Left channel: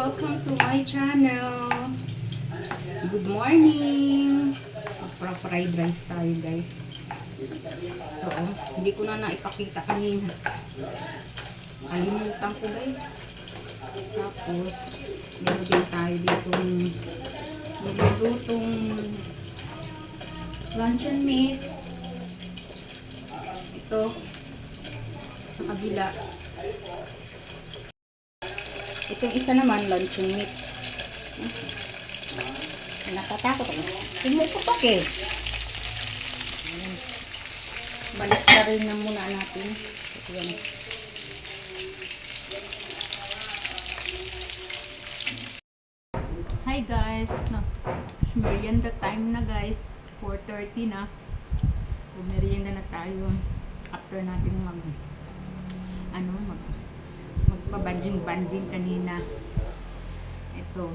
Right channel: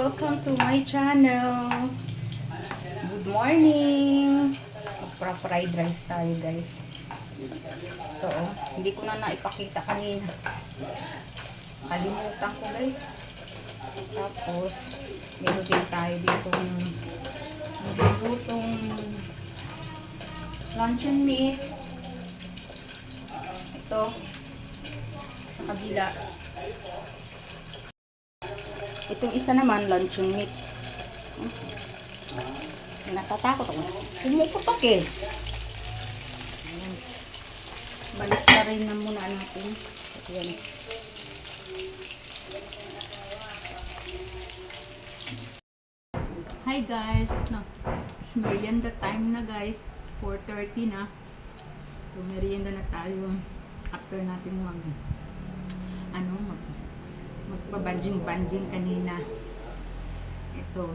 Welcome to my channel. Good morning. Magpa-fried rice tayo, guys. Ito, oh. Hindi ko na naipakita kanina. Kalimutan ko, guys. Tapos, meron din tayo dito maglulutong luncheon meat. Ito, sa kabila. Itong isa naman, luncheon meat. Natatakot ako. Pumuputok eh. Balik na rin na muna natin. Yan. Hi guys. No, it's merienda time na guys. 4:30 na. So merienda na tayo. After natin magpabanjing-banjing kanina. Ito.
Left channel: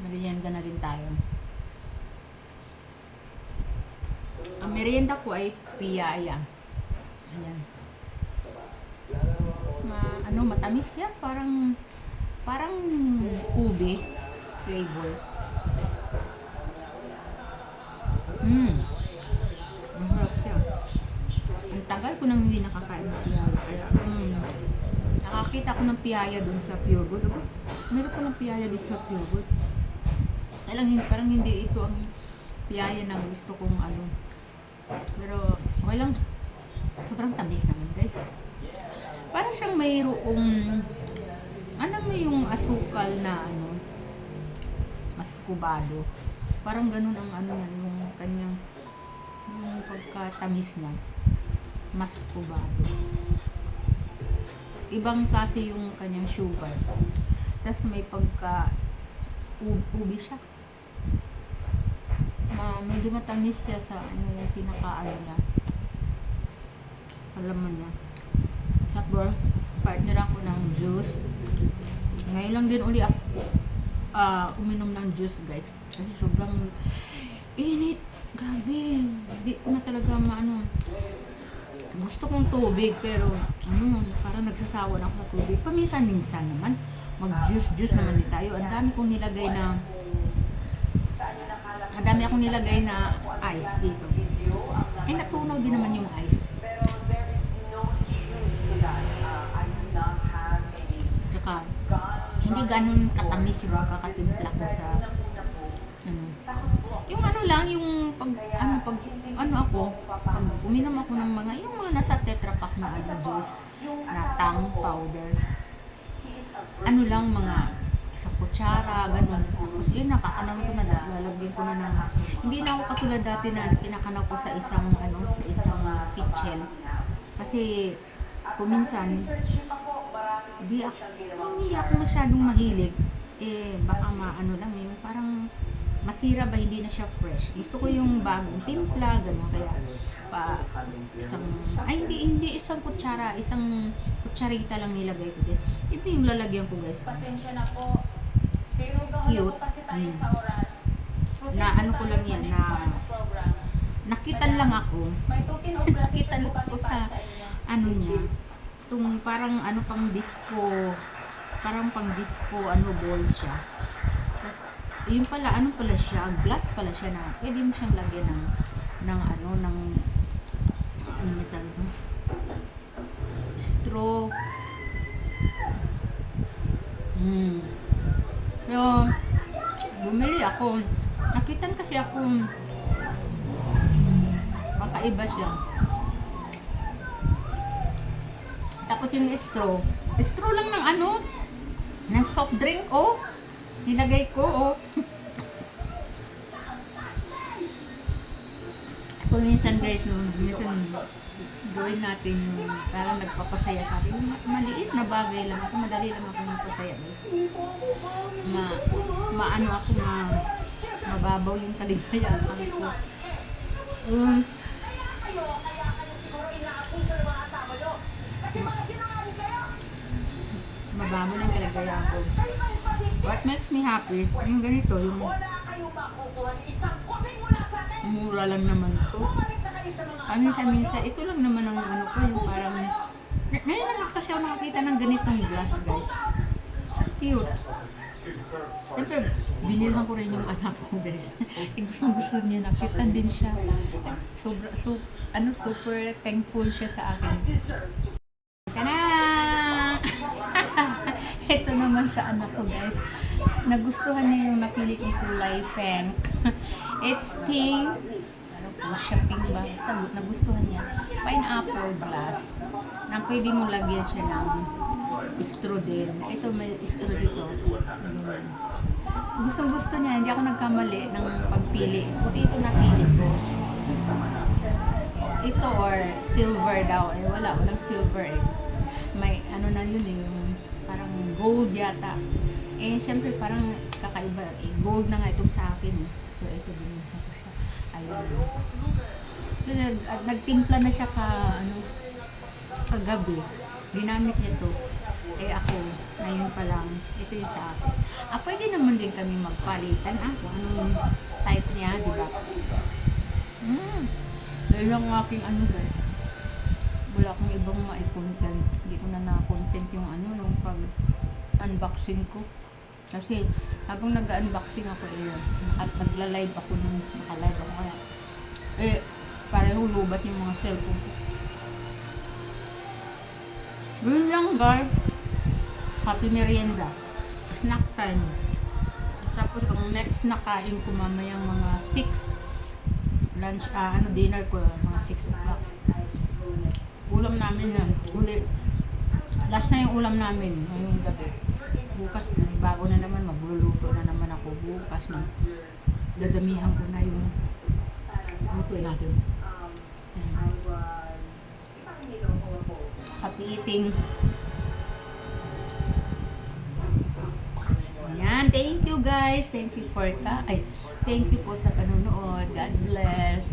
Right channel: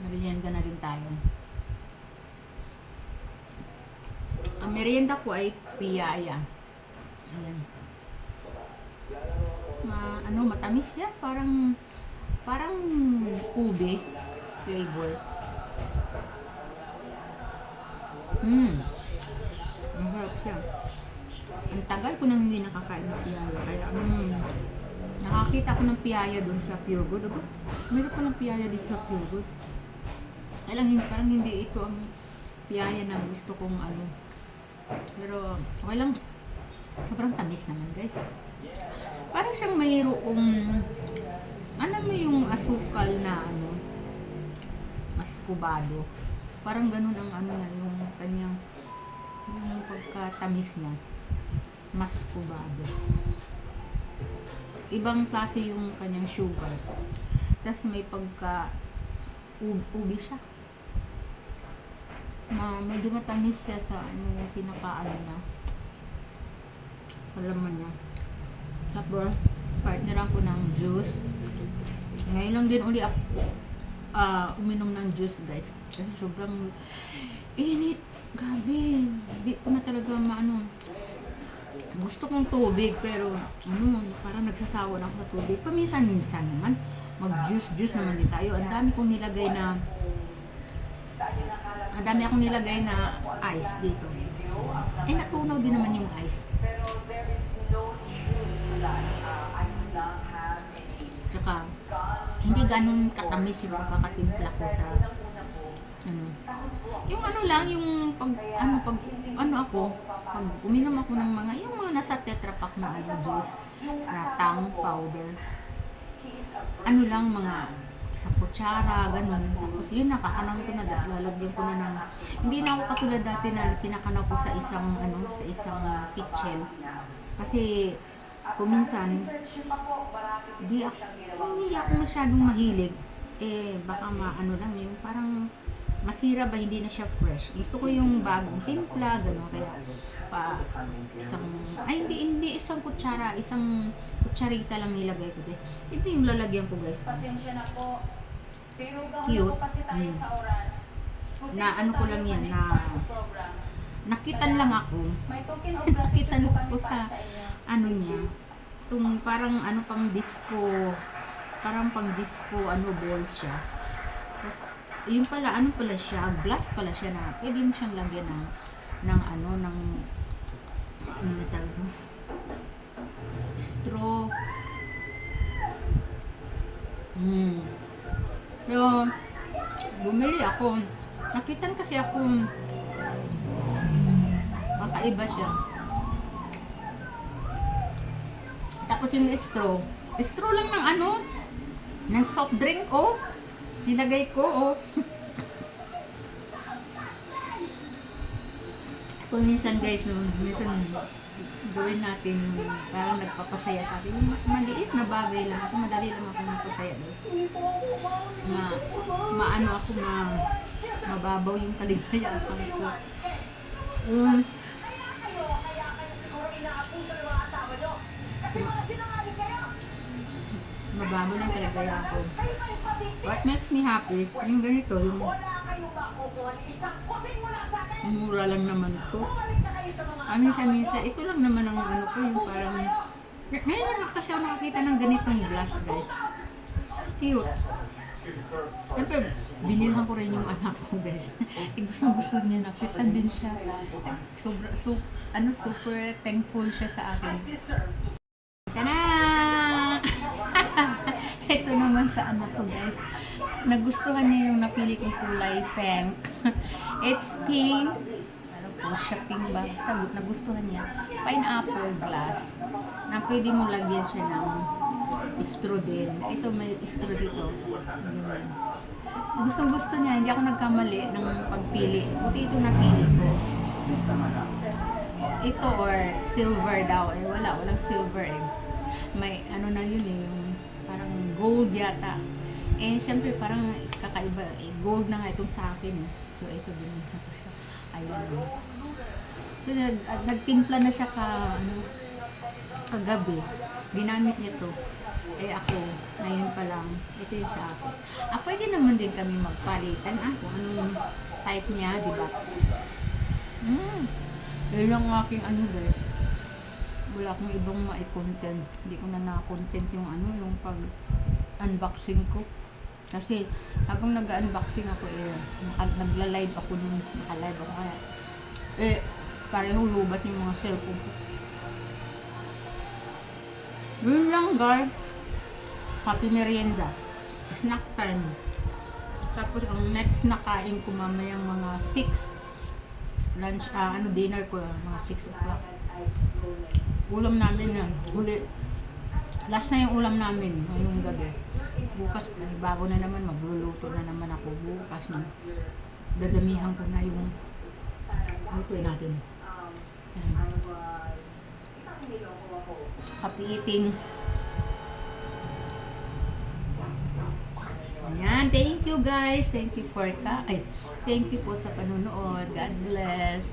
Merienda na rin tayo. Ang merienda ko ay piyaya. Ayan. Matamis siya. Parang ube flavor. Masarap siya. Ang tagal ko nang hindi nakakain ng piyaya. Kaya, nakakita ko ng piyaya doon sa Pure Good. Meron ko ng piyaya dito sa Pure Good. Parang hindi ito ang piyaya na gusto kong Pero, okay lang. Sobrang tamis naman, guys. Parang siyang mayroong, mo yung asukal na maskubado. Parang ganun ang niya, yung kanyang, yung pagkatamis niya. Maskubado. Ibang klase yung kanyang sugar. Tapos may pagka ubi siya. Medyo matamis siya sa yung pinaka na palaman niya. Tapos partneran ko ng juice. Ngayon lang din uli ako uminom ng juice, guys. Kasi sobrang init. Grabe. Hindi ko na talaga gusto kong tubig, pero parang nagsasawa na ako sa tubig. Paminsan-minsan naman mag-juice naman din tayo. Ang dami akong nilagay na ice dito. Eh, natunaw din naman yung ice. Tsaka hindi ganun katamis yung magkakatimpla ko sa yung yung pag uminom ako ng mga nasa Tetra Pak na juice na tang powder, mga isang kutsara, ganun. Tapos yun, nakakanaw ko na, lalagyan ko na ng, hindi na ako katulad dati na kinakanaw ko sa isang kitchen. Kasi kuminsan hindi ako masyadong mahilig. Baka lang yung parang masira ba, hindi na siya fresh. Gusto ko yung bagong timpla, gano'n. Kaya hindi isang kutsara, isang kutsarita lang nilagay ko, guys. Ito yung lalagyan ko, guys. Pasensya na po. Pero cute. kasi tayo sa oras. Na ko lang yan, nakitan lang ako. May token of Nakitan gratitude ako po sa kami niya. Itong parang pang disco, balls siya. Tapos yung pala, siya, glass pala siya na pwede mo siyang lagyan ng metal to, straw. So bumili ako, nakitan kasi ako makaiba siya. Tapos yung straw lang ng soft drink, nilagay ko, Kung minsan, guys, gawin natin yung parang nagpapasaya sa atin. Maliit na bagay lang ako, madali lang ako magpasaya. Mababaw yung kaligayaan ko. Mababaw lang kaligayaan ko. What makes me happy, yung ganito, yung mura lang naman to. Minsan-minsan, ito lang naman ang ko, yung parang, ngayon lang kasi ako nakakita ng ganitong glass, guys. cute. Siyempre, binilhan ko rin yung anak ko, guys. Gusto niya, nakitan din siya. Super thankful siya sa akin. Tada! Ito naman sa anak ko, guys. Nagustuhan niya yung napili kong kulay pink. It's pink. Ano po, siya pink ba? Basta nagustuhan niya. Pineapple glass. Na pwede mo lagyan siya ng straw din. Ito may straw dito. Ganyan. Gustong gusto niya. Hindi ako nagkamali ng pagpili. Buti ito napili ko. Ito or silver daw. Eh wala. Walang silver eh. May ano na yun eh. Yung parang gold yata. Eh, siyempre parang kakaiba. Eh, gold na nga itong sa akin. So, ito din ako siya. Ayan. So, nagtimpla na siya kagabi. Ginamit niya to. Eh, ako, ngayon pa lang, ito yung sa akin. Pwede naman din kami magpalitan. Kung anong type niya, di ba? Dahil ang aking guys. Wala akong ibang ma-content. Hindi ko na na-content yung yung pag-unboxing ko. Kasi habang nag-unboxing ako nagla-live ako nun. Naka-live ako kaya. Pareho lubat yung mga cellphone ko. Yun lang guys. Happy merienda. Snack time. Tapos ang next na kain ko mamayang mga 6. Lunch, dinner ko mga 6 o'clock. Ulam namin na huli. Last na yung ulam namin ngayong gabi. Bukas bago na naman, magluluto na naman ako bukas na. Dadamihan ko na yung lutuin natin. Happy eating. Ayan, thank you guys. Thank you po sa panonood. God bless.